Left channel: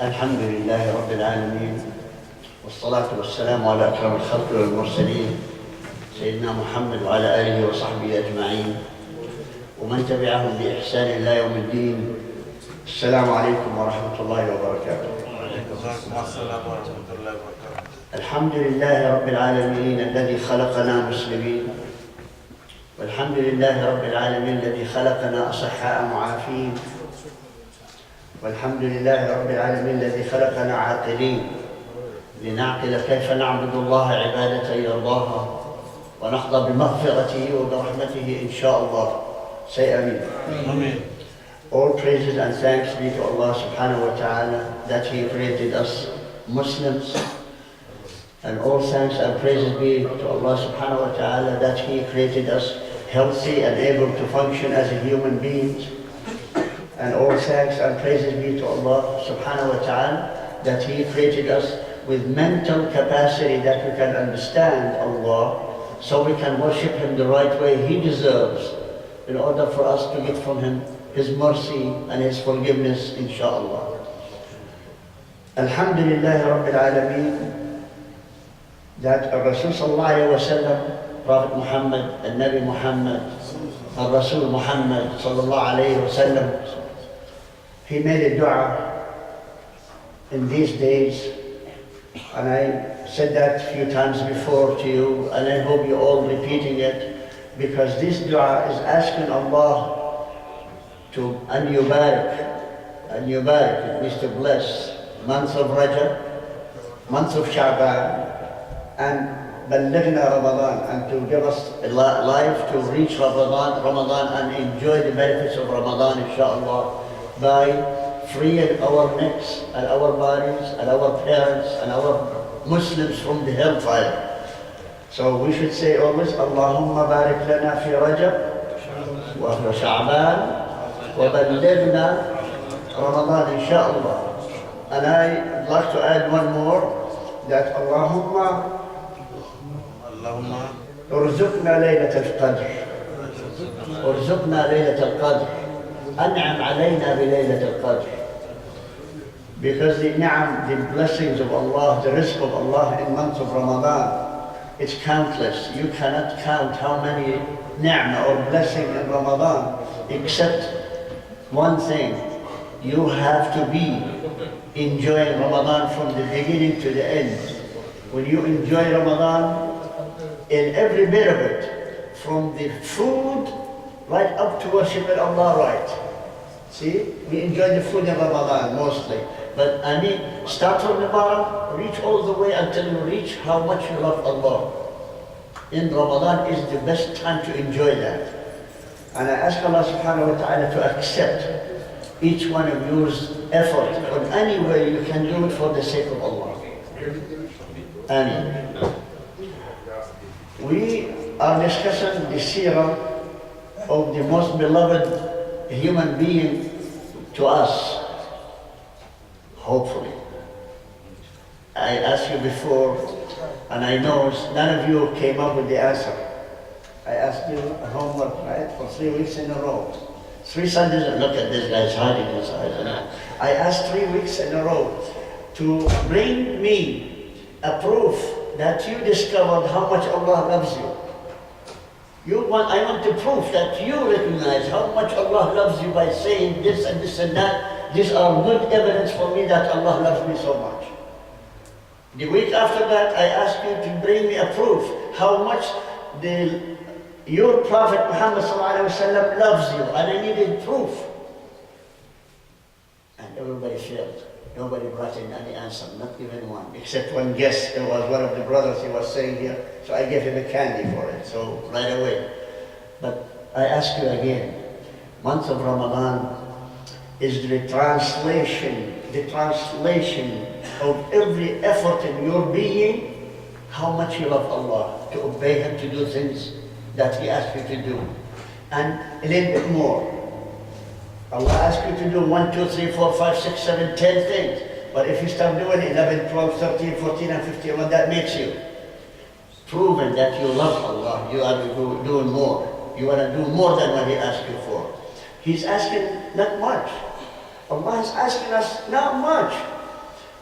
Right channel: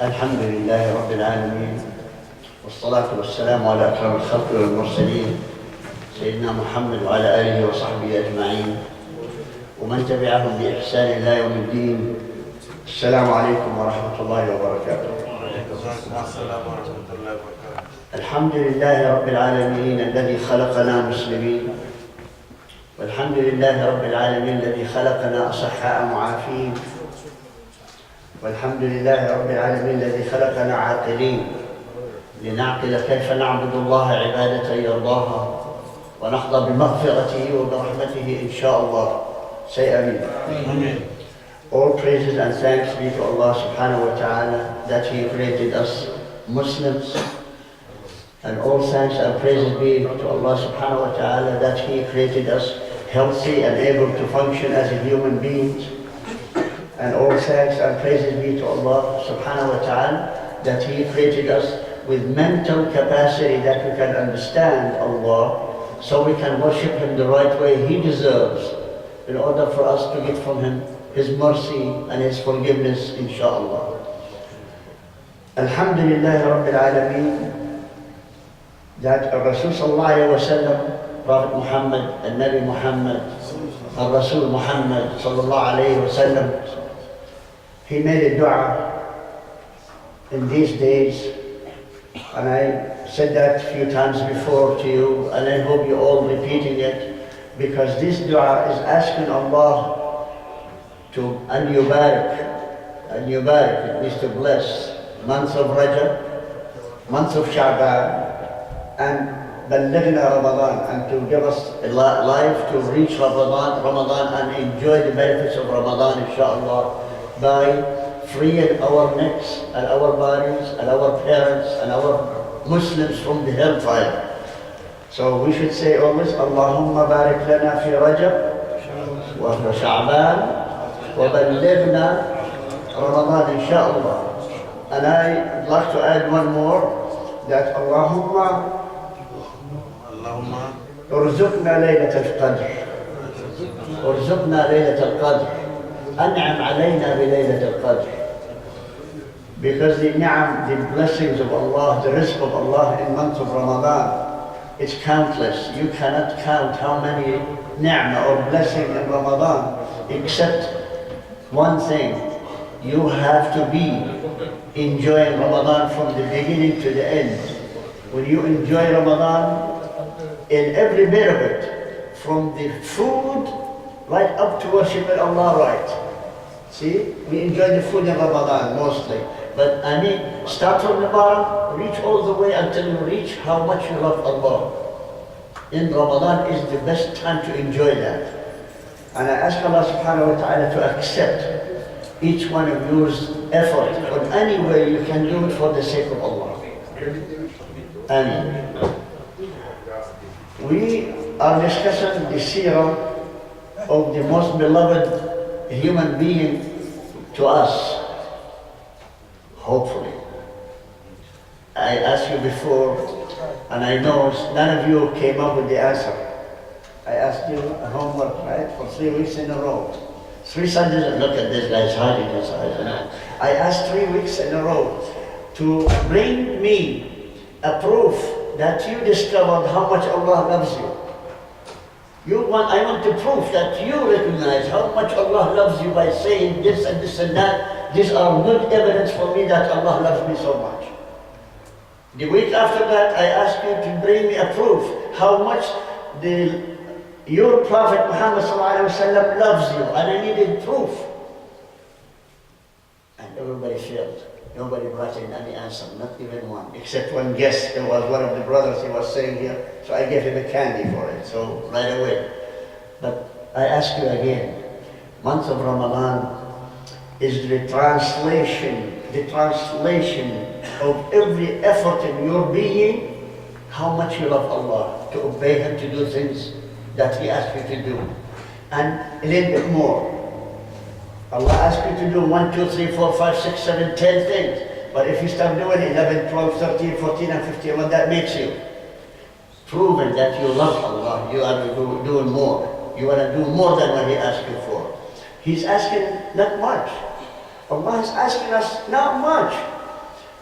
الحمد لله رب العالمين والصلاة والسلام على أكرم الخلق والمرسلين سيدنا محمد وعلى آله وصحبه أجمعين ومن تبعهم بإحسان إلى يوم الدين. السلام عليكم ورحمة الله وبركاته. السلام ورحمة الله وبركاته. الحمد لله رب العالمين الذي خلقنا مسلمين، والحمد لله رب العالمين الذي خلقنا أصحاء معافين، والحمد لله رب العالمين الذي خلقنا عاقلين لنعقل كيف نعبد الله عبادة يرضاها ونحظى بمغفرته وبرحمته إن شاء الله. Say Ameen. Amen. All praises and thanks be to Allah subhanahu wa ta'ala that He created us Muslims, and all thanks and praises be to Allah subhanahu wa ta'ala that He created us healthy and able to function as a human beings. And all thanks and praises be to Allah subhanahu wa ta'ala that He created us with mental capacity that we can understand Allah, so we can worship Him the right way He deserves, in order for us to get from Him His mercy and His forgiveness, inshaAllah. Alhamdulillah Rabbil Alameen, that Rasul Sallallahu Alaihi Wasallam, Prophet Muhammad, and Nabi Muhammad, and Rasul Muhammad Sallallahu Alaihi Wasallam, he made a dua in these days, and I said that a few times before to you, and I hope you're all repeating it, because this dua is asking Allah to an yubarak, it means to bless, month of Rajab, month of Sha'ban, and Ballighna Ramadan, and to give us a life to reach Ramadan and enjoy the benefits of Ramadan, inshaAllah, by freeing our necks and our bodies and our parents and our Muslims from the hellfire. So we should say always, Allahumma barik lana fi Rajab wa Sha'ban wa ballighna Ramadan, inshaAllah. And I'd like to add one more, that Allahumma ارزقنا ليلة القدر، ارزقنا ليلة القدر، أنعم علينا بليلة القدر. Because the ni'am, the blessings of Allah, the rizq of Allah in month of Ramadan, it's countless. You cannot count how many ni'mah or blessing in Ramadan, except one thing. You have to be enjoying Ramadan from the beginning to the end. When you enjoy Ramadan, in every bit of it, from the food right up to worshiping Allah right. See, we enjoy the food in Ramadan mostly, but I mean, start from the bottom, reach all the way until you reach how much you love Allah. In Ramadan is the best time to enjoy that. And I ask Allah subhanahu wa ta'ala to accept each one of yours effort on any way you can do it for the sake of Allah. Ameen. We are discussing the seerah of the most beloved human being to us, hopefully. I asked you before, and I know none of you came up with the answer. I asked you a homework, right, for 3 weeks in a row. 3 Sundays, and look at this guy's hiding his eyes. I asked 3 weeks in a row to bring me a proof that you discovered how much Allah loves you. I want to prove that you recognize how much Allah loves you by saying this and this and that. These are good evidence for me that Allah loves me so much. The week after that, I asked you to bring me a proof how much your Prophet Muhammad ﷺ loves you, and I needed proof. And everybody failed. Nobody brought in any answer, not even one, except one guest. It was one of the brothers, he was saying here, so I gave him a candy for it, so right away. But I ask you again, month of Ramadan is the translation of every effort in your being, how much you love Allah, to obey Him, to do things that He asked you to do, and a little bit more. Allah asks you to do 1, 2, 3, 4, 5, 6, 7, 10 things. But if you start doing 11, 12, 13, 14, and 15, what that makes you? Proving that you love Allah, you are doing more. You want to do more than what He asked you for. He's asking not much. Allah is asking us not much.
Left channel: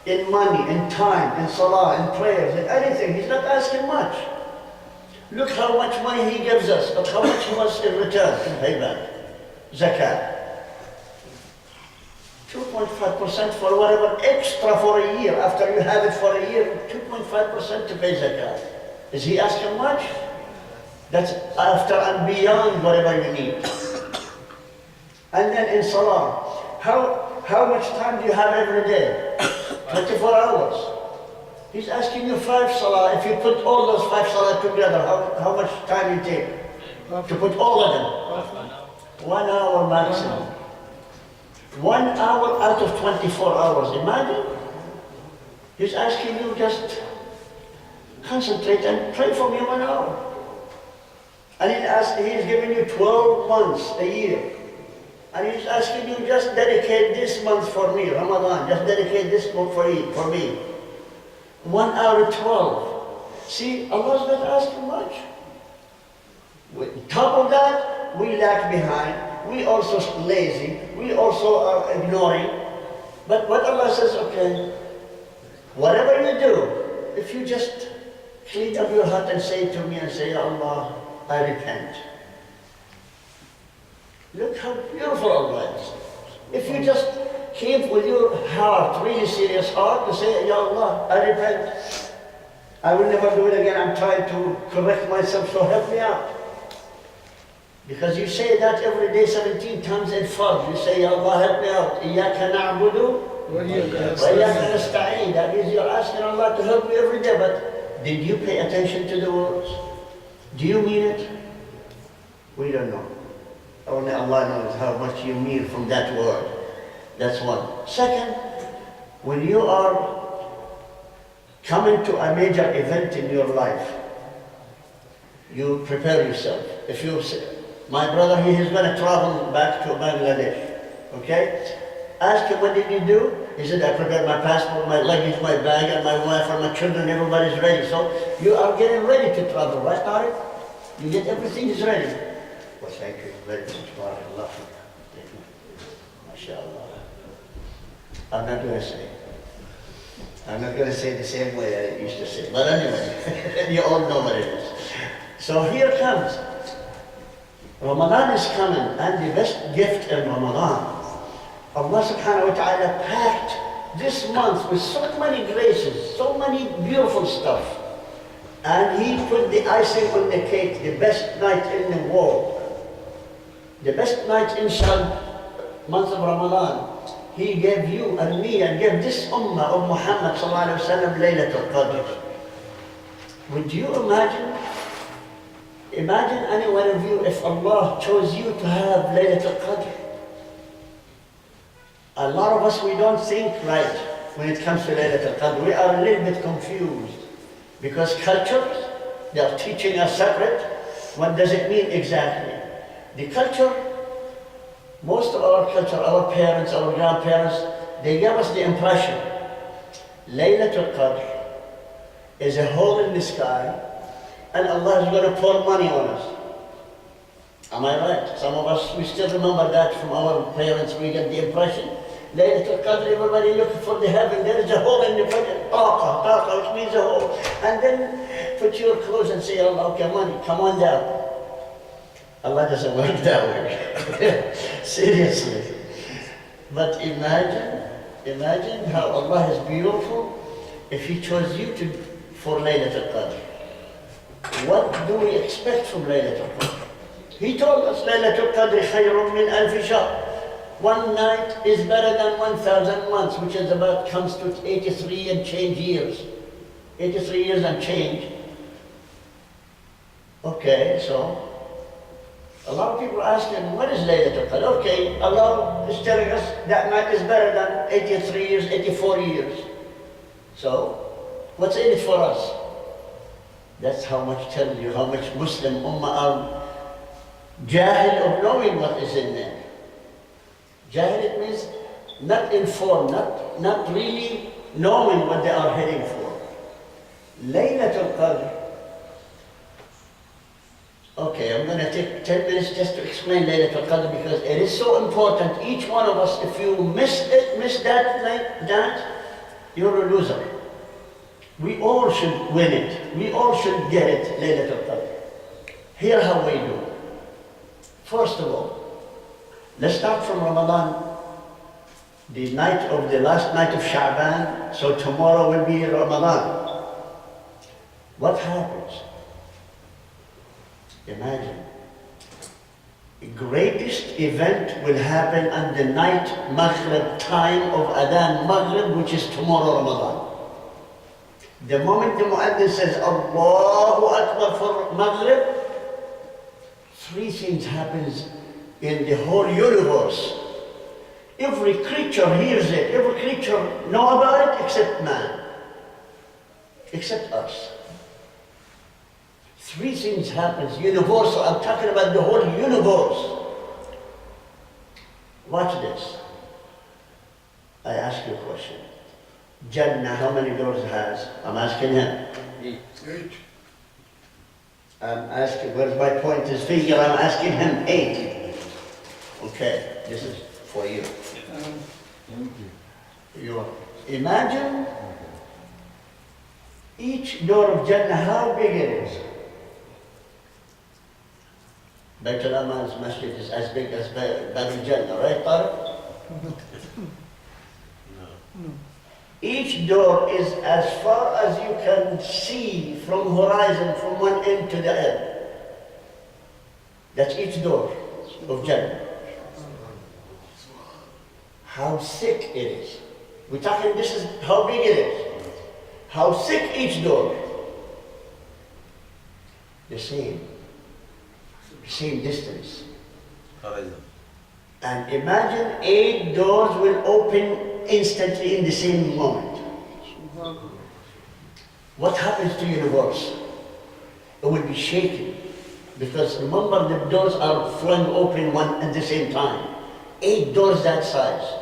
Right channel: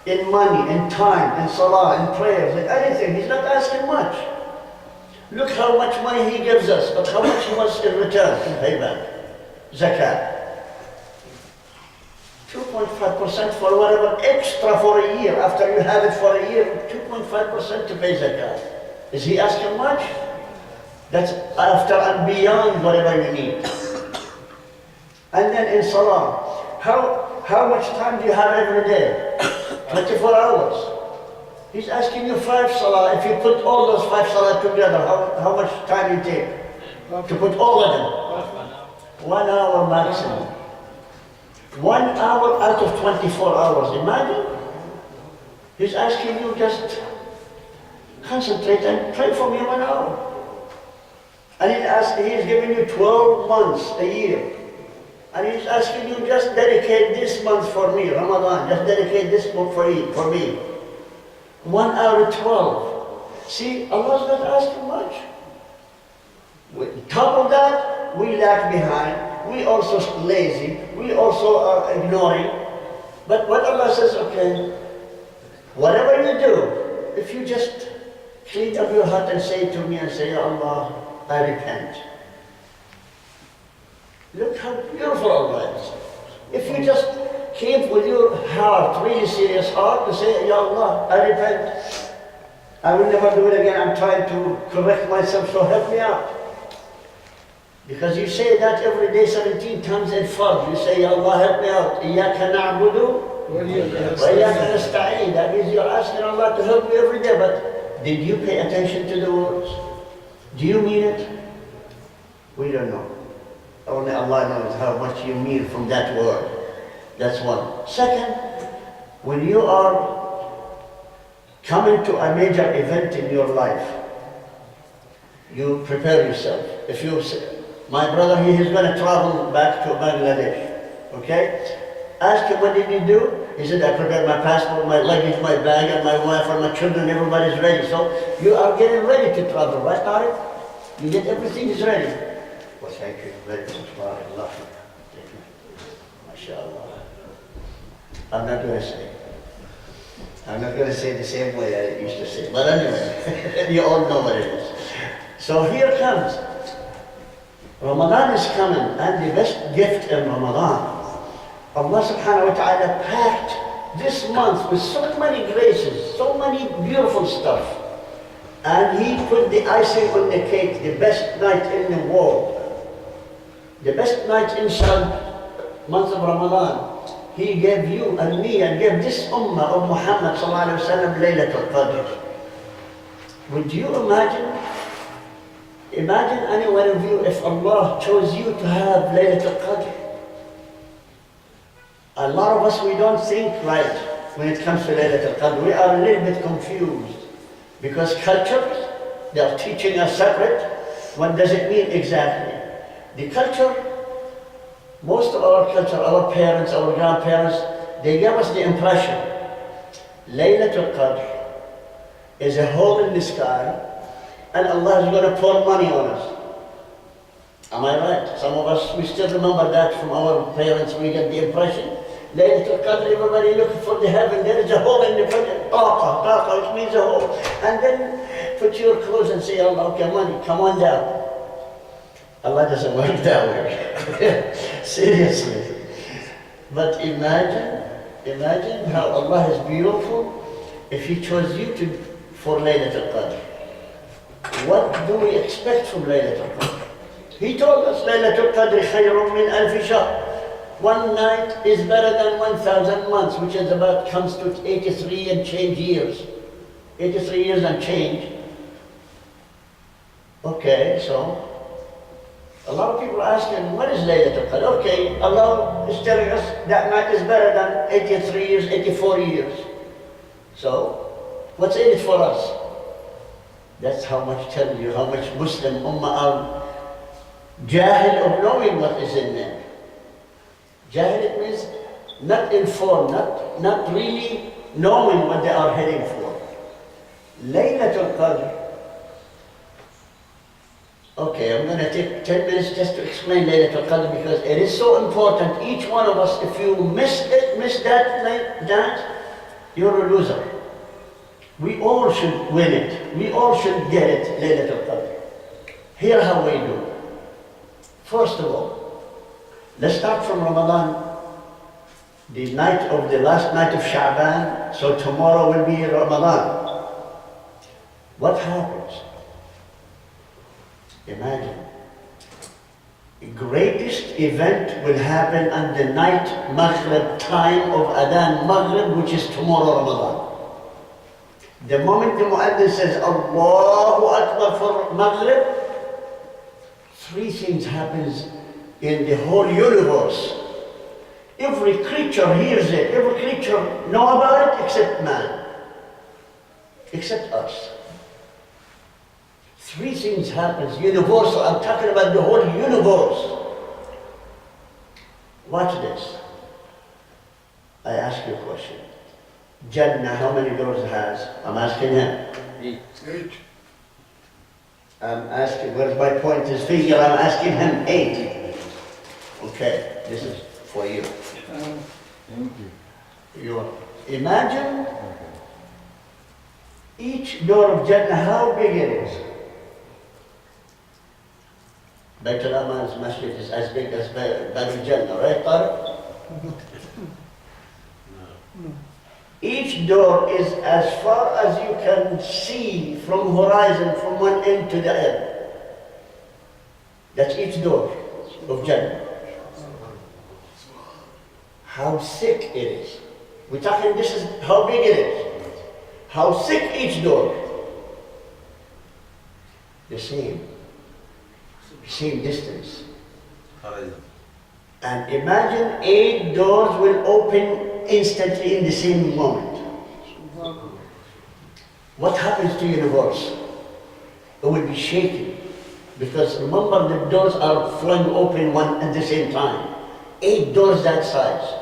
in money, in time, in salah, in prayers, in anything. He's not asking much. Look how much money he gives us, but how much he wants in return to pay back. Zakat. 2.5% for whatever extra for a year. After you have it for a year, 2.5% to pay zakat. Is he asking much? That's after and beyond whatever you need. And then in salah, how much time do you have every day? 24 hours. He's asking you 5 salah. If you put all those 5 salah together, how much time you take to put all of them? 1 hour maximum. 1 hour out of 24 hours. Imagine. He's asking you just concentrate and pray for me 1 hour. And he's giving you 12 months a year. And he's asking you just dedicate this month for me, Ramadan. Just dedicate this month for me. 1 hour 12. See, Allah's not asking much. With top of that, we lag behind. We also lazy. We also are ignoring. But what Allah says, okay, whatever you do, if you just clean up your heart and say to me and say, Ya Allah, I repent. Look how beautiful Allah is. If you just came with your heart, really serious heart, to say, Ya Allah, I repent. I will never do it again. I'm trying to correct myself, so help me out. Because you say that every day 17 times in Fard. You say, Ya Allah, help me out. Iyaka na'budu wa iyaka nasta'een. That means you're asking Allah to help you every day. But did you pay attention to the words? Do you mean it? We don't know. Only Allah knows how much you mean from that word. That's one. Second, when you are coming to a major event in your life, you prepare yourself. If you say, my brother, he's going to travel back to Bangladesh, okay? Ask him, what did you do? He said, I prepared my passport, my luggage, my bag, and my wife and my children, everybody's ready. So you are getting ready to travel, right, Tariq? You get everything is ready. Well, thank you very much, barakallah. MashaAllah. I'm not going to say the same way I used to say. But anyway, you all know what it is. So here comes. Ramadan is coming, and the best gift in Ramadan, Allah subhanahu wa ta'ala packed this month with so many graces, so many beautiful stuff. And He put the icing on the cake, the best night in the world. The best night inside month of Ramadan. He gave you and me and gave this ummah of Muhammad sallallahu alayhi wa sallam Laylatul Qadr. Would you imagine? Imagine any one of you if Allah chose you to have Laylatul Qadr. A lot of us, we don't think right when it comes to Laylatul Qadr. We are a little bit confused because cultures, they are teaching us separate. What does it mean exactly? The culture, most of our culture, our parents, our grandparents, they gave us the impression Laylatul Qadr is a hole in the sky and Allah is going to pour money on us. Am I right? Some of us, we still remember that from our parents. We get the impression Laylatul Qadr, everybody looking for the heaven. There is a hole in the taqa, which means a hole. And then put your clothes and say, Allah, okay, money, come on down. Allah doesn't work that way. Seriously. But imagine how Allah is beautiful if He chose you for Laylatul Qadr. What do we expect from Laylatul Qadr? He told us, Laylatul Qadr khayrun min alfi shahr. One night is better than 1,000 months, which is comes to 83 and change years. 83 years and change. Okay, so a lot of people are asking, what is Laylatul Qadr? Okay, Allah is telling us that night is better than 83 years, 84 years. So, what's in it for us? That's how much telling you how much Muslim Ummah are jahil of knowing what is in there. Jahil, it means not informed, not really knowing what they are heading for. Laylatul Qadr. Okay, I'm going to take 10 minutes just to explain Laylatul Qadr because it is so important. Each one of us, if you miss that night, you're a loser. We all should win it. We all should get it, Laylatul Qadr. Here how we do. First of all, let's start from Ramadan. The night of the last night of Sha'ban, so tomorrow will be Ramadan. What happens? Imagine, the greatest event will happen on the night Maghrib time of Adhan Maghrib, which is tomorrow Ramadan. The moment the Mu'adhin says Allahu Akbar for Maghrib, three things happens in the whole universe. Every creature hears it, every creature knows about it except man, except us. Three things happens, universal. I'm talking about the whole universe. Watch this. I ask you a question. Jannah, how many doors it has? I'm asking him. 8. I'm asking, where's my point? His finger, I'm asking him 8. Okay, this is for you. Thank you. You imagine each door of Jannah, how big it is. Baitul Aman's masjid is as big as Baitul Jannah, right, Tariq? No. Each door is as far as you can see from horizon, from one end to the end. That's each door of Jannah. How thick it is. We're talking, this is how big it is. How thick each door. The same distance. Horizon. And imagine 8 doors will open instantly in the same moment. What happens to the universe? It will be shaken. Because remember, the doors are flung open one at the same time. 8 doors that size.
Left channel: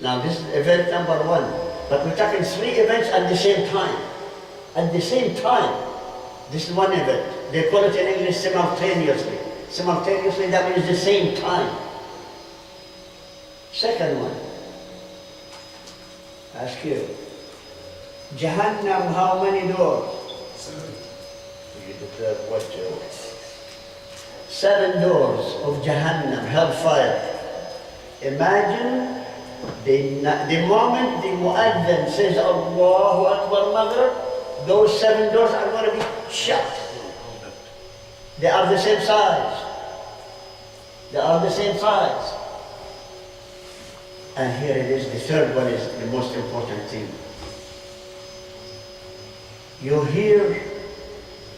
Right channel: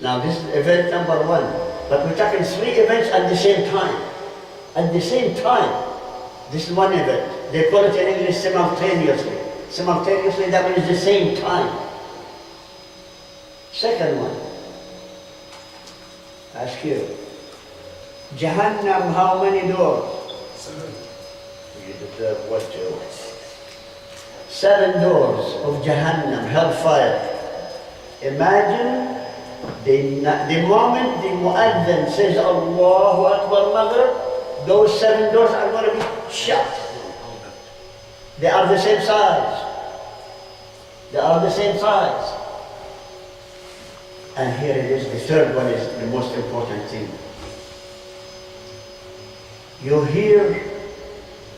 Now this is event number 1. But we're talking 3 events at the same time. At the same time. This is one event. They call it in English simultaneously. Simultaneously, that means the same time. Second one. Ask you. Jahannam, how many doors? 7. You deserve what to? 7 doors of Jahannam, hellfire. Imagine the moment the Mu'adhin says Allahu Akbar Maghrib, those 7 doors are going to be shut. They are the same size. They are the same size. And here it is, the third one is the most important thing. You hear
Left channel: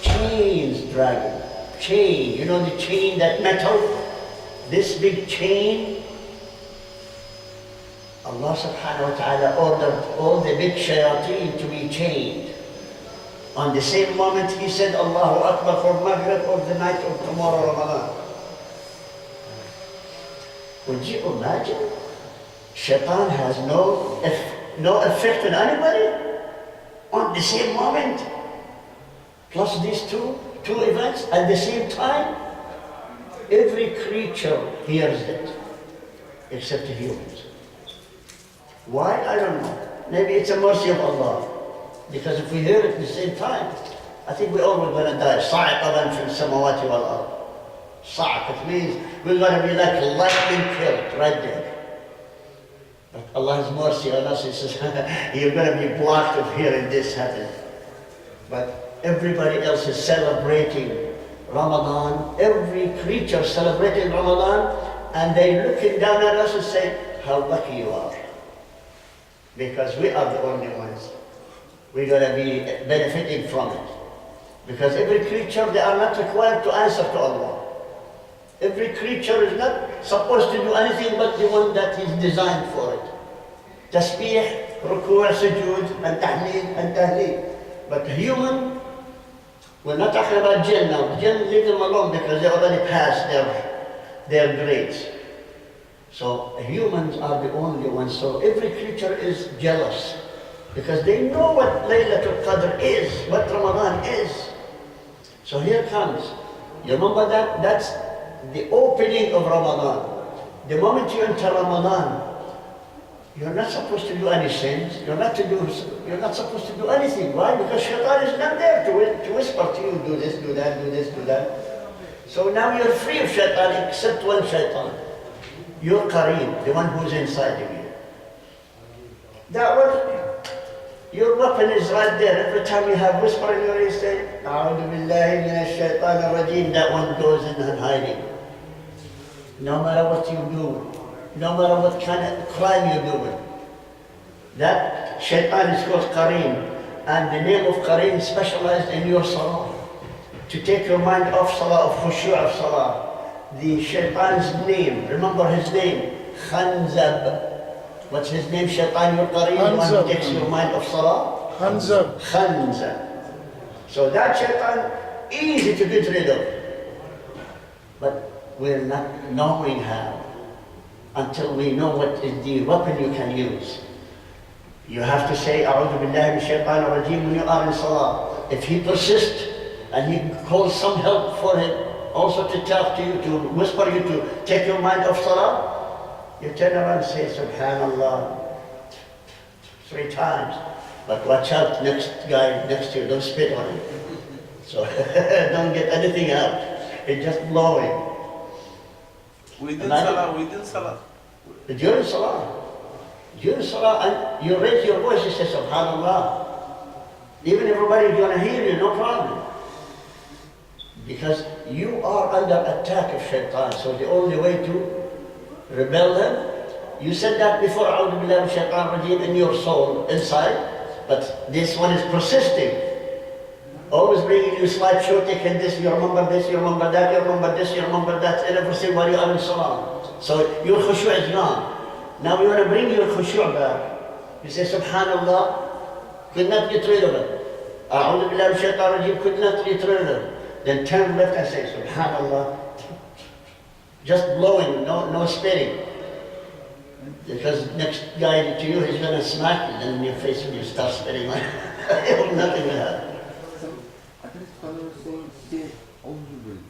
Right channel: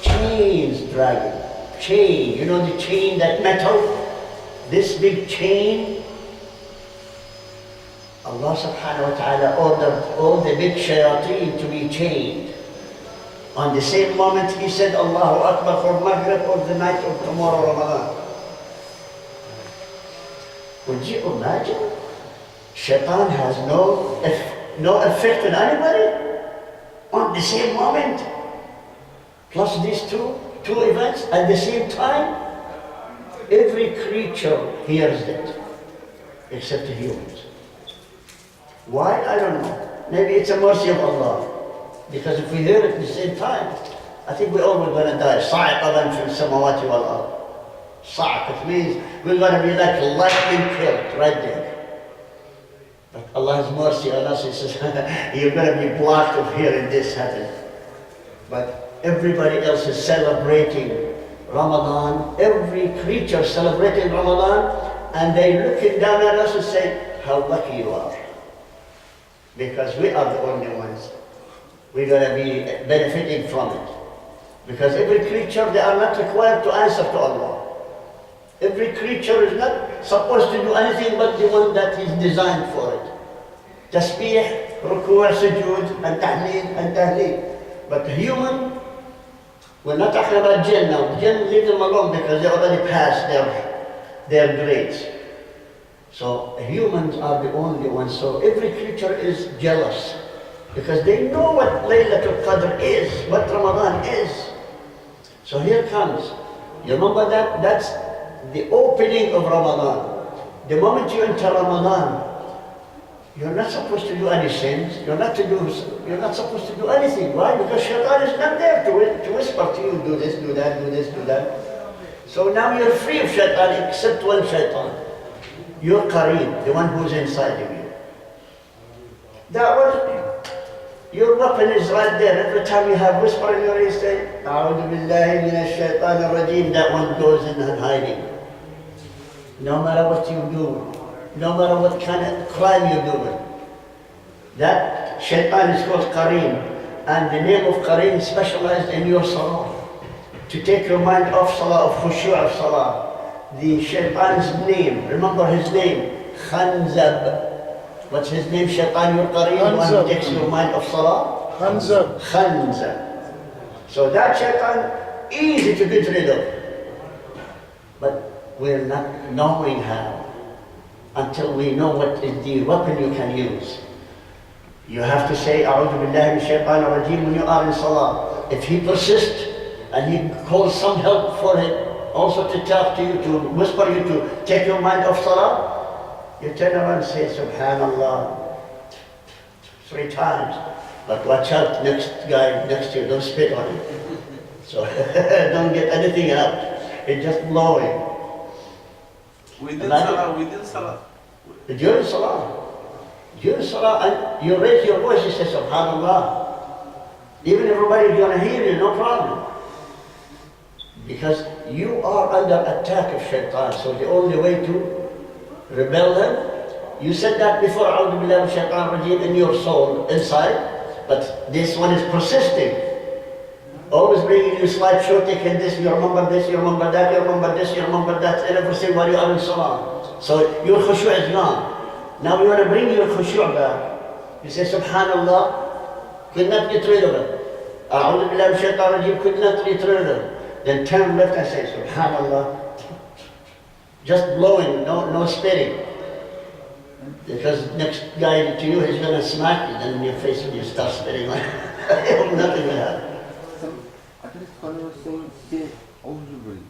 chains dragging. Chain, you know the chain, that metal? This big chain. Allah subhanahu wa ta'ala ordered all the big shayateen to be chained. On the same moment he said Allahu Akbar for Maghrib or the night of tomorrow Ramadan. Would you imagine? Shaitan has no effect on anybody on the same moment. Plus these two events at the same time. Every creature hears it except the humans. Why? I don't know. Maybe it's a mercy of Allah. Because if we hear it at the same time, I think we're all going to die. صَعِقَةً فِي السَّمَوَاتِ وَالْأَرْضِ. صَعِق, it means we're going to be like lightning killed right there. But Allah's mercy on us, He says, you're going to be blocked of hearing this happen. But everybody else is celebrating Ramadan. Every creature celebrating Ramadan, and they're looking down at us and saying, how lucky you are. Because we are the only ones. We're going to be benefiting from it. Because every creature, they are not required to answer to Allah. Every creature is not supposed to do anything but the one that is designed for it. Tasbih, ruku', sujood, and tahleed. But human, we're not talking about jinn now. Jinn, leave them alone because they already passed their grades. So humans are the only ones. So every creature is jealous. Because they know what Laylatul Qadr is, what Ramadan is. So here comes. You remember that? That's the opening of Ramadan. The moment you enter Ramadan, You're not supposed to do any sins. You're not supposed to do anything. Why? Because shaitan is not there to whisper to you, do this, do that, do this, do that. So now you're free of shaitan, except one shaitan. Your qareem, the one who's inside of you. That one, your weapon is right there. Every time you have whisper in your ear, say, A'udhu billahi minash shaitan ar-rajim, that one goes in and hiding. No matter what you do, no matter what kind of crime you're doing. That shaitan is called qareem, and the name of qareem is specialized in your salah. To take your mind off salah, of khushu' of salah. The shaitan's name, remember his name, Khanzab. What's his name, shaitan, your qareem, the one who takes your mind off salah? Khanzab. Khanzab. So that shaitan, easy to get rid of. But we're not knowing how. Until we know what is the weapon you can use. You have to say, A'udhu billahi minash shaitanir rajim when you are in salah. If he persists and he calls some help for him, also to talk to you, to whisper you, to take your mind off salah, you turn around and say, Subhanallah, 3 times. But watch out, next guy next to you, don't spit on him. So don't get anything out. It's just blowing. Within salah. During salah, and you raise your voice, you say Subhanallah. Even everybody is going to hear you, no problem. Because you are under attack of shaitan, so the only way to rebel him, you said that before, A'udhu billahi minash shaitanir rajim, in your soul, inside, but this one is persisting. Always bringing you slideshow, taking this, you remember this, you remember that, you remember this, you remember that, and everything while you are in salah. So your khushu' is gone. Now we want to bring your khushu' back. You say Subhanallah, could not get rid of it. A'udhu billahi minash shaitanir rajim, could not get rid of it. Then turn left and say Subhanallah. Just blowing, no spitting. Because next guy to you is going to smack you, then in your face when you start spitting. Nothing will happen. I think somebody was saying, say Auzubillah.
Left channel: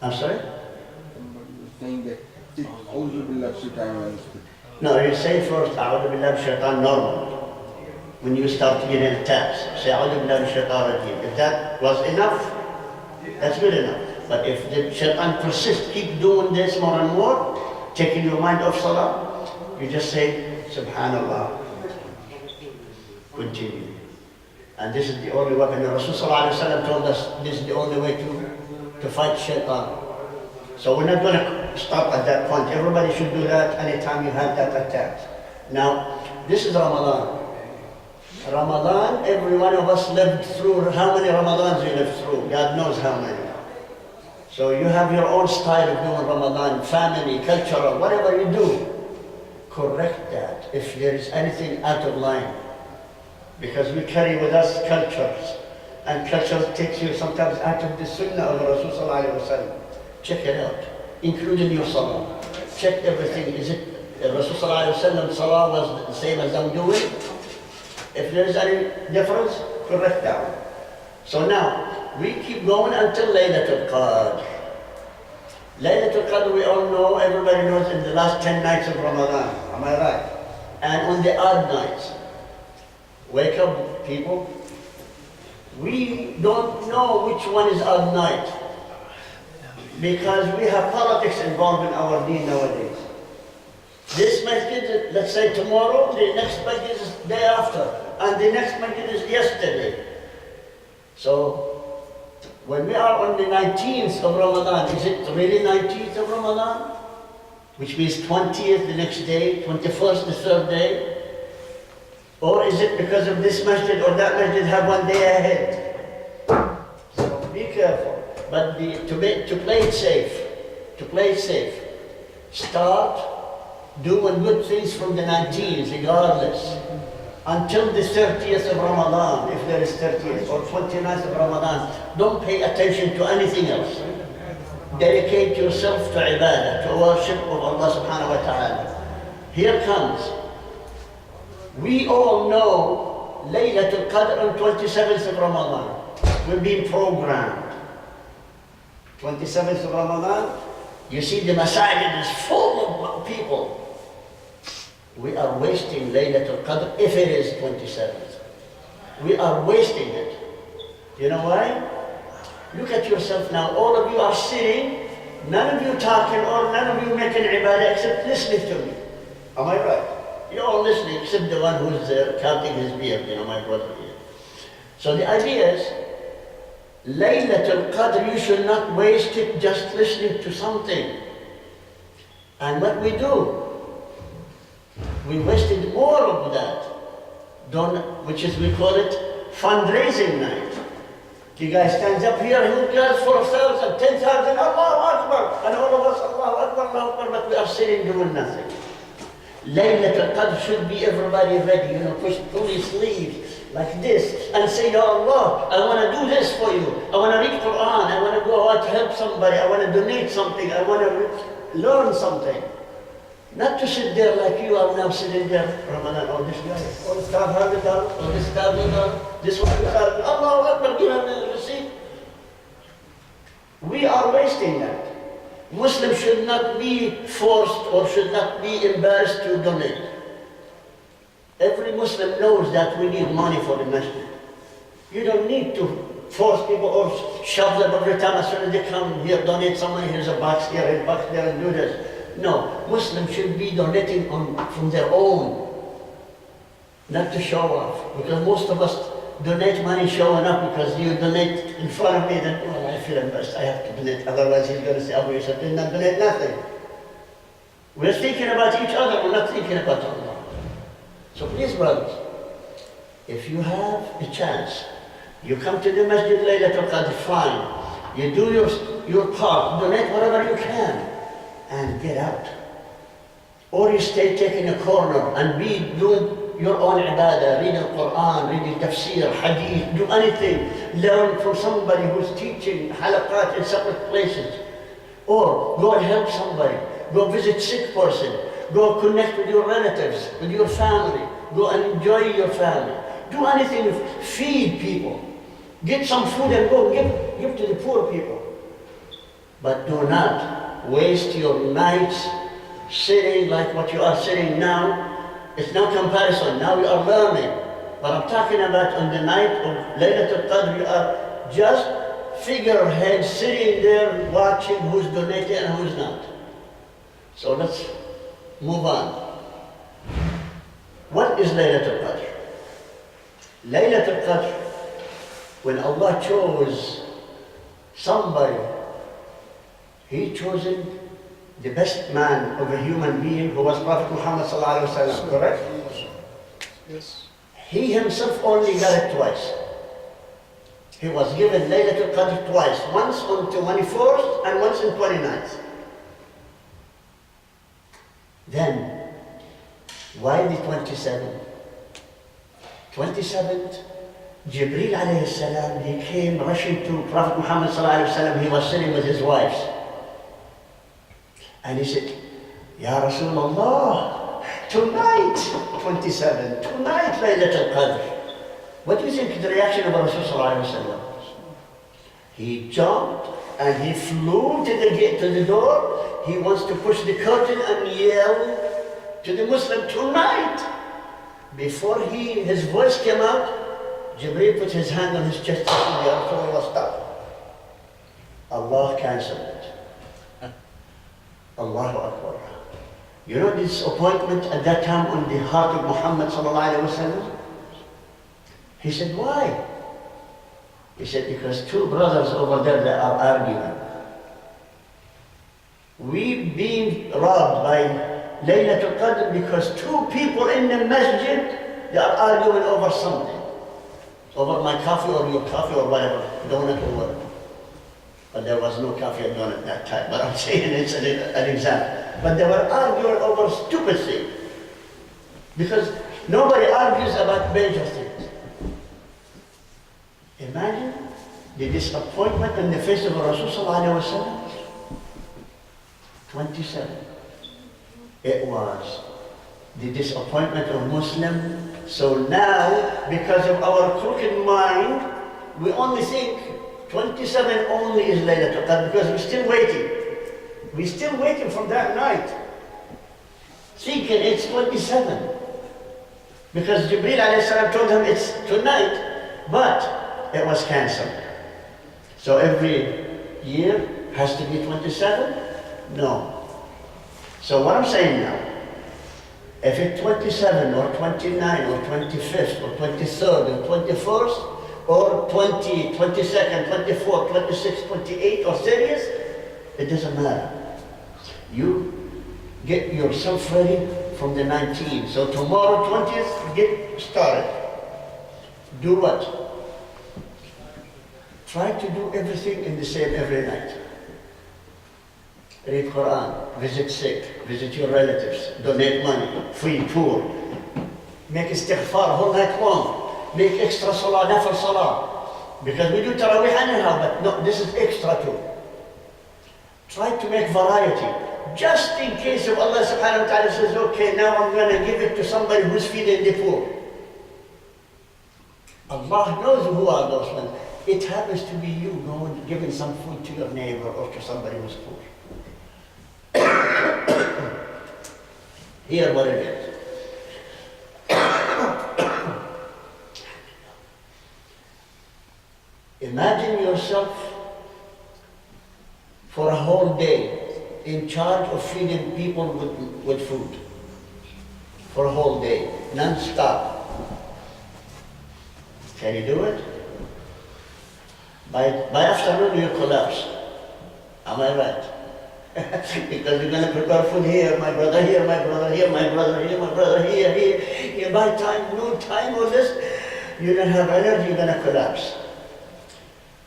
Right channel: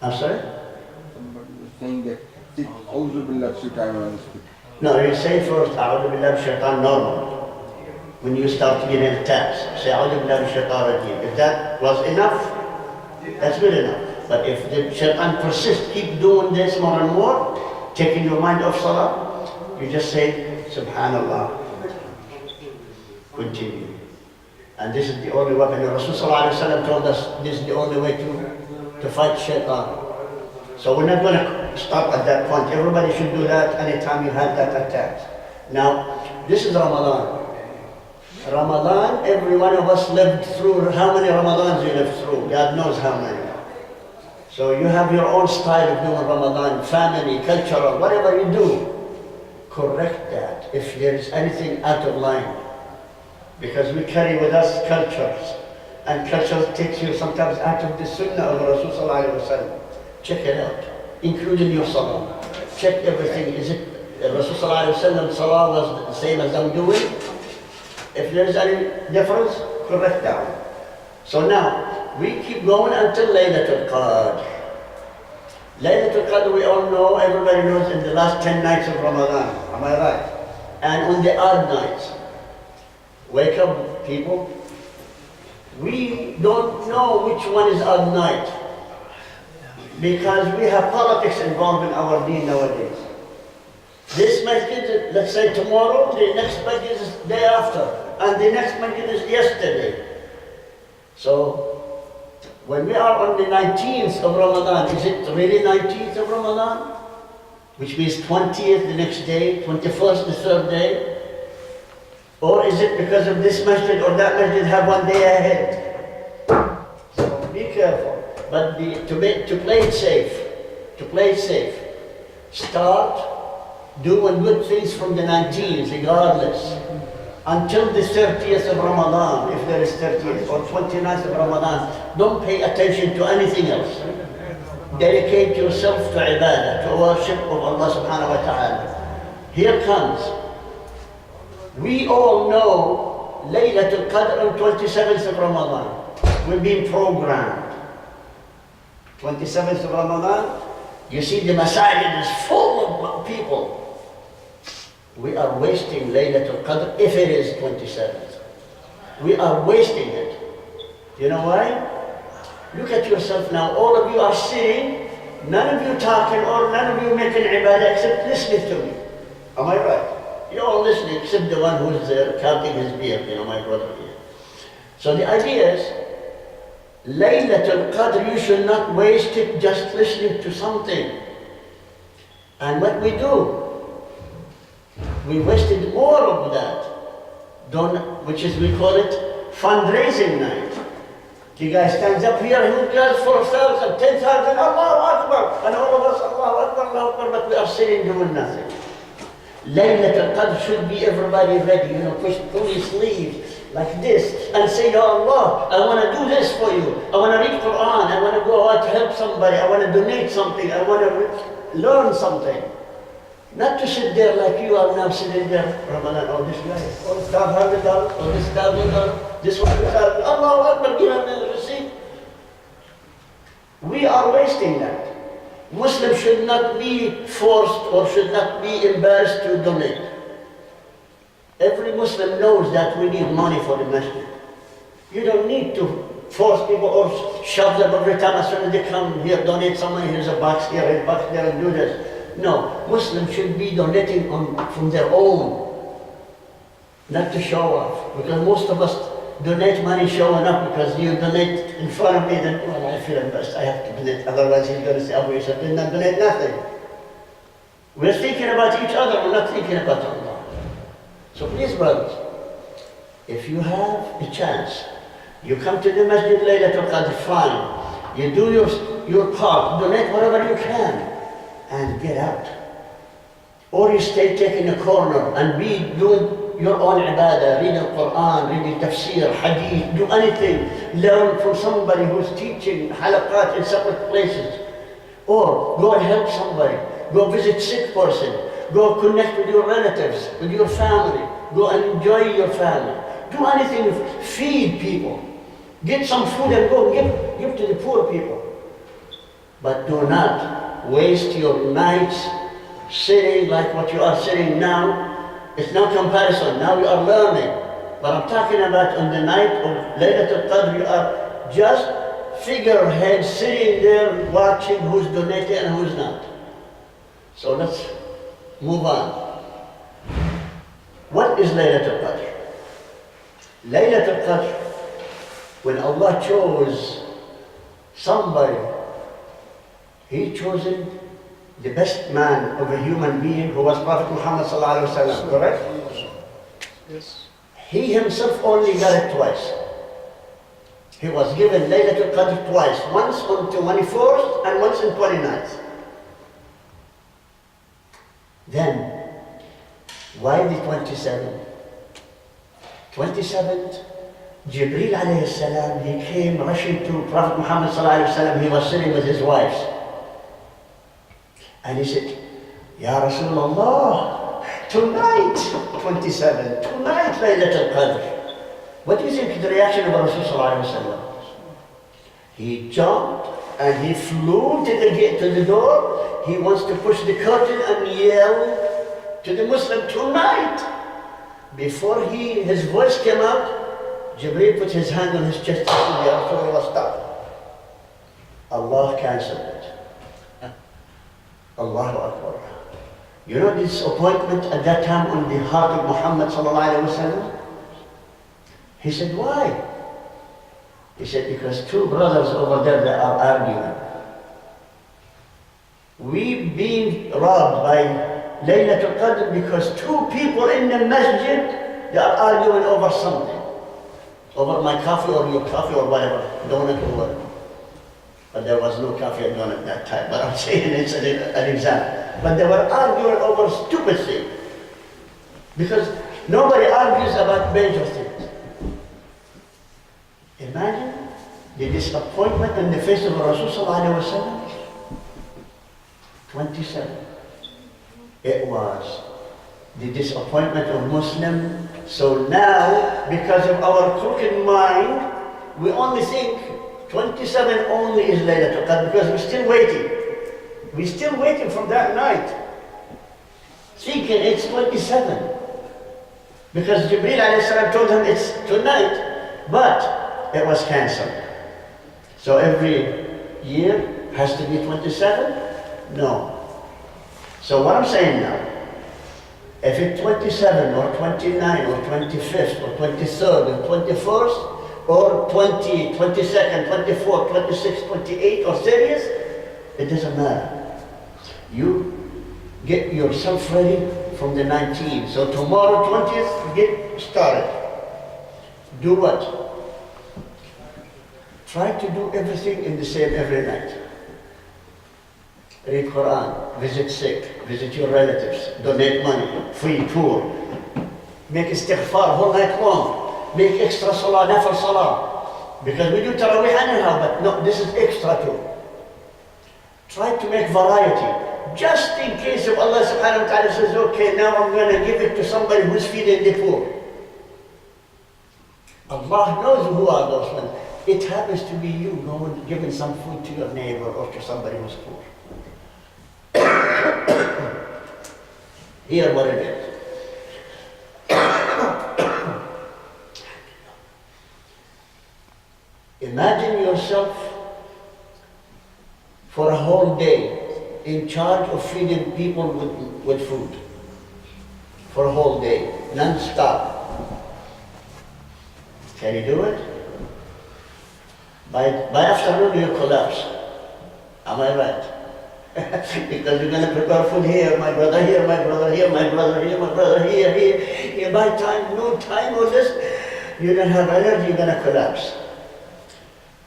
I'm sorry? Somebody was saying that, say Auzubillah 3 times on the spit. No, you say first, A'udhu billahi minash shaitan normal. When you start to get in attacks, say A'udhu billahi minash shaitan rajim. If that was enough, that's good enough. But if the shaitan persists, keep doing this more and more, taking your mind off salah, you just say Subhanallah. Continue. And this is the only weapon. Rasulullah ﷺ told us this is the only way to fight shaitan. So we're not going to stop at that point. Everybody should do that anytime you have that attack. Now, this is Ramadan. Ramadan, every one of us lived through, how many Ramadans you lived through? God knows how many. So you have your own style of doing Ramadan, family, cultural, whatever you do. Correct that if there is anything out of line. Because we carry with us cultures. And culture takes you sometimes out of the sunnah of Rasulullah. Check it out, including your salah. Check everything. Is it Rasulullah salah was the same as I'm doing? If there is any difference, correct that one. So now, we keep going until Laylatul Qadr. Laylatul Qadr, we all know, everybody knows, in the last 10 nights of Ramadan. Am I right? And on the odd nights. Wake up, people. We don't know which one is odd night. Because we have politics involved in our deen nowadays. This masjid, let's say tomorrow, the next masjid is day after, and the next masjid is yesterday. So, when we are on the 19th of Ramadan, is it really 19th of Ramadan? Which means 20th the next day, 21st the third day? Or is it because of this masjid or that masjid have one day ahead? So be careful. But to play it safe, start doing good things from the 19th regardless, until the 30th of Ramadan, if there is 30th, or 29th of Ramadan. Don't pay attention to anything else. Dedicate yourself to ibadah, to worship of Allah subhanahu wa ta'ala. Here comes. We all know Laylatul Qadr on 27th of Ramadan. We're being programmed. 27th of Ramadan, you see the masajid is full of people. we are wasting Laylatul Qadr if it is 27th. We are wasting it. You know why? Look at yourself now. All of you are sitting, none of you talking or none of you making ibadah except listening to me. Am I right? You're all listening except the one who's counting his beard, you know, my brother here. So the idea is, Laylatul Qadr, you should not waste it just listening to something. And what we do, we wasted more of that, which is, we call it fundraising night. The guy stands up here, he does 4,000, 10,000, Allahu Akbar, and all of us, Allahu Akbar, Allahu Akbar, but we are sitting doing nothing. Laylatul Qadr should be everybody ready, you know, pull your sleeves like this and say, Ya Allah, I want to do this for you. I want to read Quran, I want to go out to help somebody, I want to donate something, I want to learn something. Not to sit there like you are now sitting there, Ramadan, oh this guy, oh this $500, oh this $1,000, this one, Allahu Akbar, give him the receipt. We are wasting that. Muslims should not be forced or should not be embarrassed to donate. Every Muslim knows that we need money for the masjid. You don't need to force people or shove them every time as soon as they come here, donate some money, here's a box here, a box there, and do this. No, Muslims should be donating from their own, not to show off. Because most of us donate money showing up, because you donate in front of me, then, well, I feel embarrassed, I have to donate, otherwise he's going to say, Abu Yusuf did not donate nothing. We're thinking about each other, we're not thinking about Allah. So please, brothers, if you have a chance, you come to the Masjid Laylatul Qadr, fine. You do your part, donate whatever you can, and get out. Or you stay taking a corner and be doing your own ibadah, reading Quran, reading tafsir, hadith, do anything. Learn from somebody who's teaching halakat in separate places. Or go and help somebody. Go visit sick person. Go connect with your relatives, with your family. Go and enjoy your family. Do anything, feed people. Get some food and go give to the poor people. But do not waste your nights sitting like what you are sitting now. It's no comparison, now you are learning. But I'm talking about on the night of Laylatul Qadr, you are just figurehead sitting there watching who's donating and who's not. So let's move on. What is Laylatul Qadr? Laylatul Qadr, when Allah chose somebody, He chosen the best man of a human being, who was Prophet Muhammad sallallahu alaihi wasallam, correct? Yes. He himself only got it twice. He was given Laylatul Qadr twice, once on 24th and once on 29th. Then, why the 27th? 27th, Jibreel alayhi salam, he came rushing to Prophet Muhammad sallallahu alaihi wasallam. He was sitting with his wives. And he said, Ya Rasulullah, tonight, 27, tonight Laylatul Qadr. What do you think the reaction of Rasul sallallahu alaihi wasallam? He jumped and he flew to the gate, to the door. He wants to push the curtain and yell to the Muslim, tonight. Before his voice came out, Jibreel put his hand on his chest and said, Ya Rasulullah, stop. Allah cancelled it. Allahu Akbar. You know this appointment at that time on the heart of Muhammad sallallahu alaihi wasallam? He said, why? He said, because two brothers over there that are arguing. We being robbed by Laylatul Qadr because two people in the masjid, they are arguing over something. Over my coffee or your coffee or whatever, donut or whatever. But there was no coffee and donut at that time, but I'm saying it's an example. But they were arguing over stupid things. Because nobody argues about major things. Imagine the disappointment in the face of Rasulullah 27. It was the disappointment of Muslim. So now, because of our crooked mind, we only think 27 only is Laylatul Qadr, because we're still waiting. We're still waiting for that night. thinking it's 27. Because Jibreel alayhi salam told him it's tonight, but it was cancelled. So every year has to be 27? No. So what I'm saying now, if it's 27 or 29 or 25th or 23rd or 21st or 20, 22nd, 24, 26, 28 or 30th, it doesn't matter. You get yourself ready from the 19th. So tomorrow 20th, get started. Do what? Try to do everything in the same every night. Read Quran, visit sick, visit your relatives, donate money, feed poor, make istighfar whole night long, make extra salah, nafil salah. Because we do tarawih anyhow, but no, this is extra too. Try to make variety. Just in case if Allah subhanahu wa ta'ala says, okay, now I'm going to give it to somebody who's feeding the poor. Allah knows who are those ones. It happens to be you going giving some food to your neighbor or to somebody who's poor. Hear what it is. Imagine yourself for a whole day in charge of feeding people with food. For a whole day, non-stop. Can you do it? By afternoon you collapse. Am I right? Because you're going to prepare food here, my brother here, my brother here, my brother here, my brother here. By time, noon time or this, you don't have energy, you're going to collapse.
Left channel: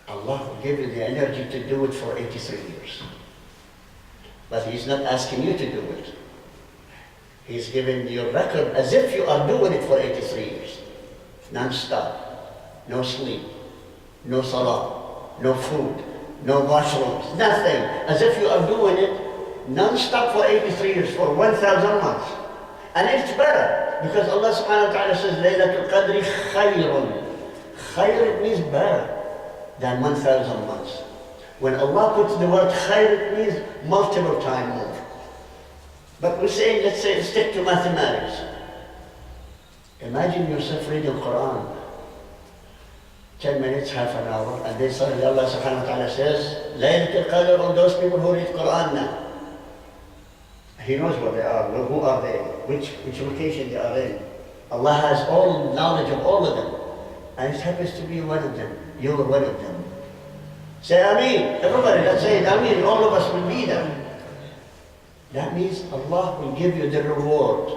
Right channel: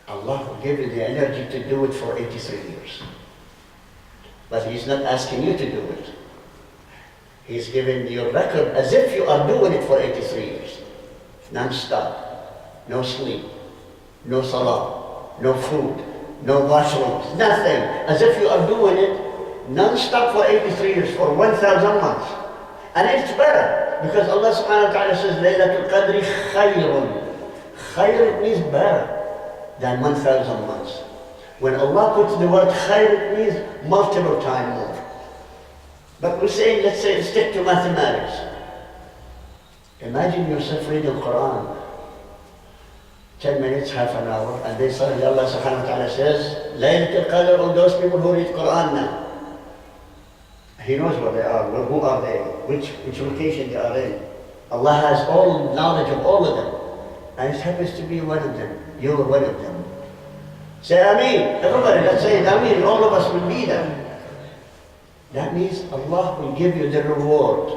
Allah will give you the energy to do it for 83 years. But He's not asking you to do it. He's giving you a record as if you are doing it for 83 years. Non-stop, no sleep, no salah, no food, no washrooms, nothing. As if you are doing it non-stop for 83 years, for 1,000 months. And it's better, because Allah subhanahu wa ta'ala says, Laylatul Qadri khayrun. Khayr, it means better than 1,000 months. When Allah puts the word khayr, it means multiple times more. But we're saying, let's say, stick to mathematics. Imagine yourself reading Quran. 10 minutes, half an hour, and then suddenly Allah subhanahu wa ta'ala says, Laylatul Qadr on those people who read Quran now. He knows what they are, who are they, which location they are in. Allah has all knowledge of all of them. And it happens to be one of them. You're one of them. Say Ameen. Everybody, let's say it Ameen. All of us will be there. That means Allah will give you the reward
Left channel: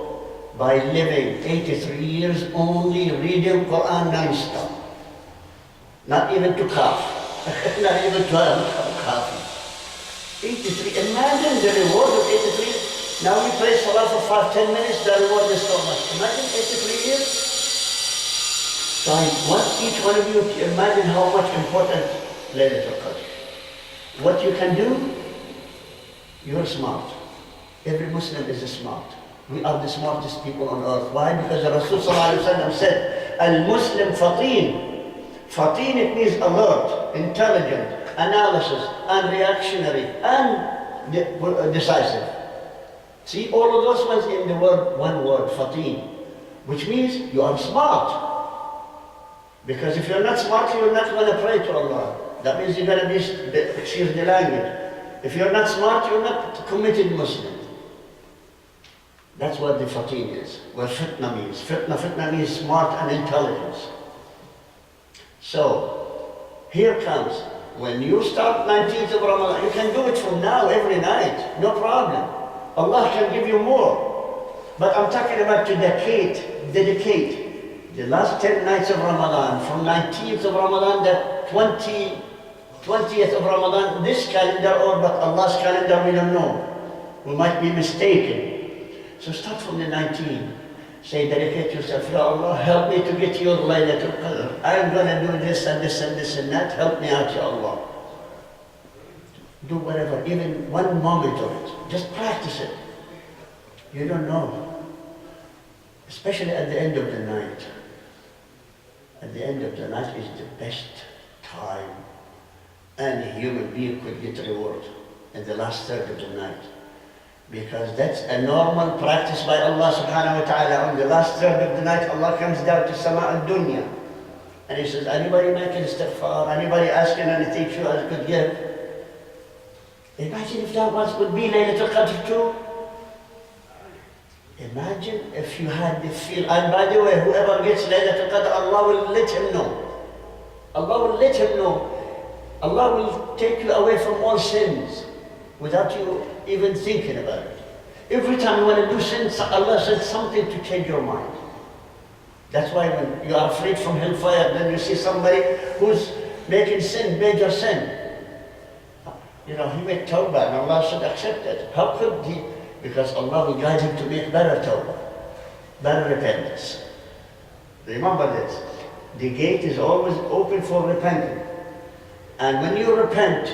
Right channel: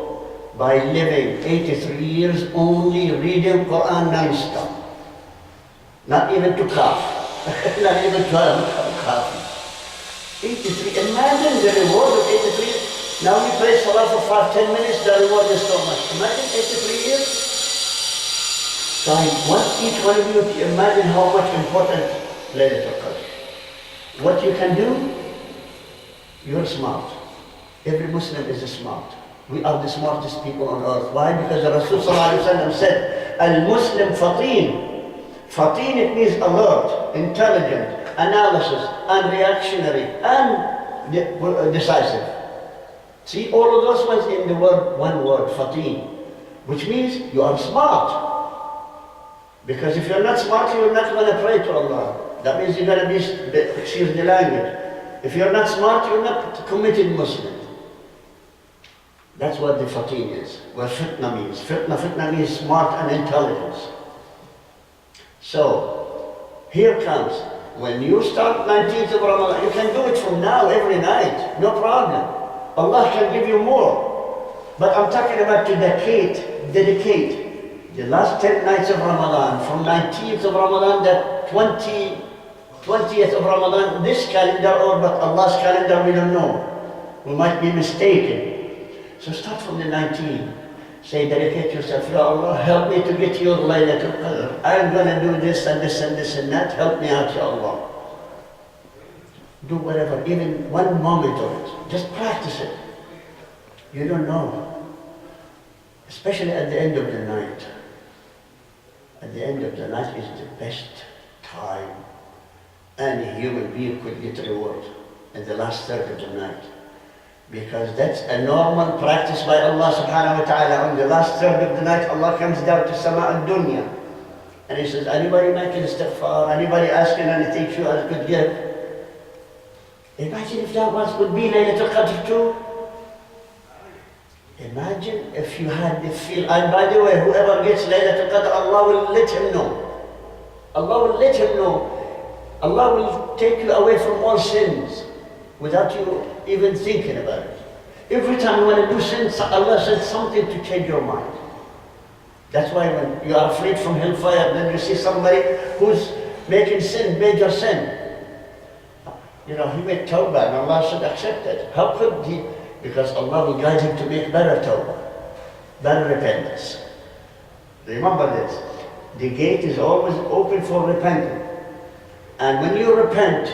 by living 83 years only reading Quran non-stop. Not even to cough. Not even to coffee. 83. Imagine the reward of 83. Now we pray Salah for 5-10 minutes, the reward is so much. Imagine 83 years. So I want each one of you to imagine how much important Laylatul Qadr. What you can do, you're smart. Every Muslim is smart. We are the smartest people on earth. Why? Because the Rasul said, Al-Muslim fateen. Fateen, it means alert, intelligent, analysis, and reactionary, and decisive. See, all of those ones in the word, one word, fateen, which means you are smart. Because if you're not smart, you're not going to pray to Allah. That means you're going to be, excuse the language. If you're not smart, you're not a committed Muslim. That's what the fateen is, what fitna means. Fitna means smart and intelligence. So, here comes, when you start 19th of Ramadan, you can do it from now, every night, no problem. Allah can give you more. But I'm talking about to dedicate. The last 10 nights of Ramadan, from 19th of Ramadan, that 20th of Ramadan, this calendar, or but Allah's calendar, we don't know. We might be mistaken. So start from the 19th. Say, dedicate yourself, Ya Allah, help me to get your Laylatul Qadr. I'm going to do this and this and this and that. Help me out, Ya Allah. Do whatever, even one moment of it. Just practice it. You don't know. Especially at the end of the night. At the end of the night is the best time any human being could get reward. In the last third of the night. Because that's a normal practice by Allah subhanahu wa ta'ala. On the last third of the night, Allah comes down to Sama al-Dunya. And He says, anybody making istighfar, anybody asking anything to us could give. Imagine if that would be Laylatul Qadr too. Imagine if you had the feel, and by the way, whoever gets Laylatul Qadr, Allah will let him know. Allah will let him know. Allah will take you away from all sins without you even thinking about it. Every time you want to do sin, Allah says something to change your mind. That's why when you are afraid from hellfire, then you see somebody who's making sin, major sin. You know, he made tawbah and Allah should accept it. How could he? Because Allah will guide him to make better tawbah, better repentance. Remember this, the gate is always open for repenting. And when you repent,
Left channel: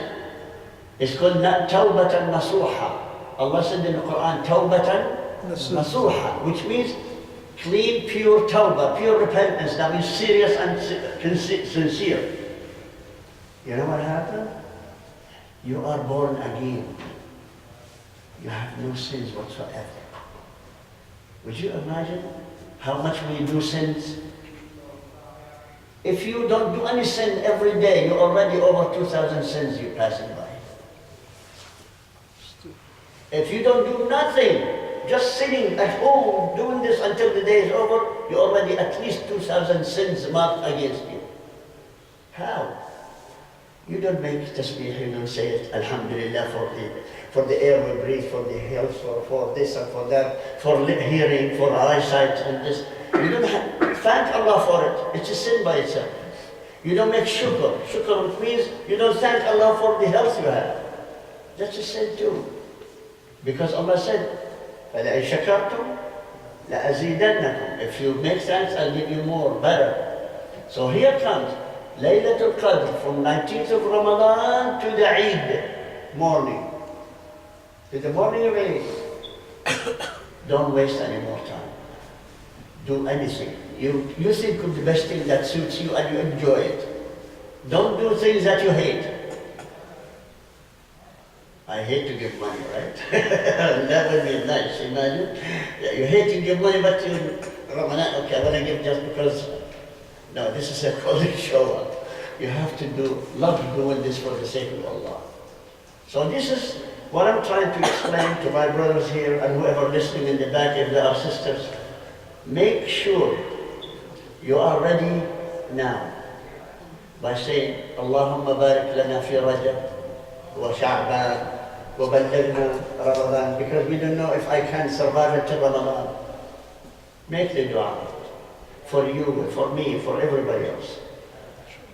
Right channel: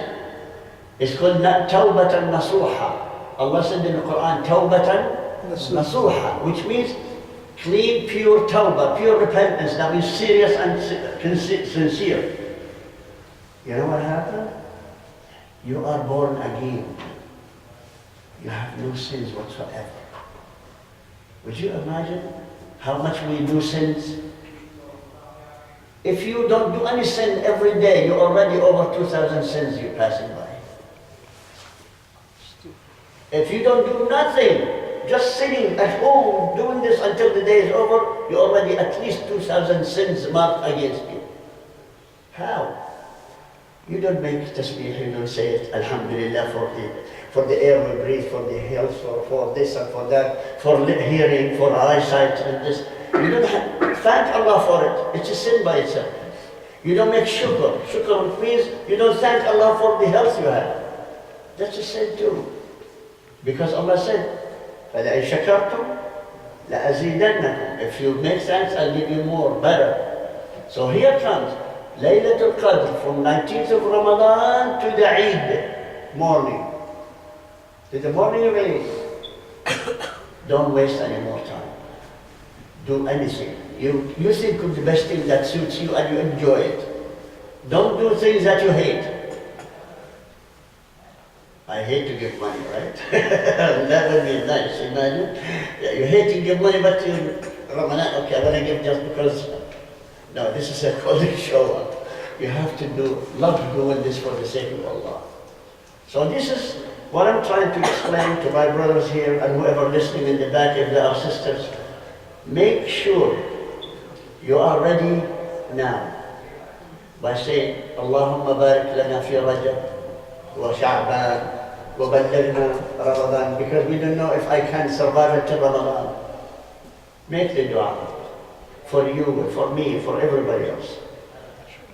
it's called tawbatan nasuha. Allah said in the Quran, tawbatan nasuha, which means clean, pure tawbah, pure repentance. That means serious and sincere. You know what happened? You are born again. You have no sins whatsoever. Would you imagine how much we do sins? If you don't do any sin every day, you're already over 2,000 sins you're passing by. If you don't do nothing, just sitting at home doing this until the day is over, you're already at least 2,000 sins marked against you. How? You don't make tasbih, you don't say it, Alhamdulillah, for the air we breathe, for the health, for this and for that, for hearing, for eyesight and this. You don't thank Allah for it. It's a sin by itself. You don't make shukr. Shukr means you don't thank Allah for the health you have. That's a sin too. Because Allah said, فَلَئِنْ شَكَرْتُمْ لَأَزِيدَنَّكُمْ. If you make thanks, I'll give you more, better. So here comes Laylatul Qadr from 19th of Ramadan to the Eid morning. To the morning of Eid. Don't waste any more time. Do anything. You think of the best thing that suits you and you enjoy it. Don't do things that you hate. I hate to give money, right? That would be nice, imagine. Yeah, you hate to give money, but you, Ramadan, okay, I want to give just because. No, this is a calling show up. You have to love doing this for the sake of Allah. So this is what I'm trying to explain to my brothers here and whoever listening in the back, if there are sisters. Make sure you are ready now by saying, Allahumma barik lana fi Rajab wa Sha'ban wa ballighna Ramadan, because we don't know if I can survive until Ramadan. Make the dua for you, for me, for everybody else.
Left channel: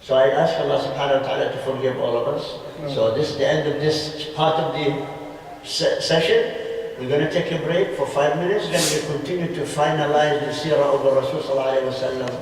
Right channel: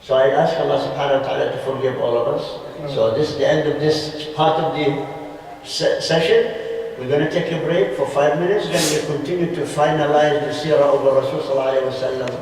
So I ask Allah subhanahu wa ta'ala to forgive all of us. So this is the end of this part of the session. We're going to take a break for 5 minutes, then we'll continue to finalize the seerah of the Rasul sallallahu alayhi wa sallam.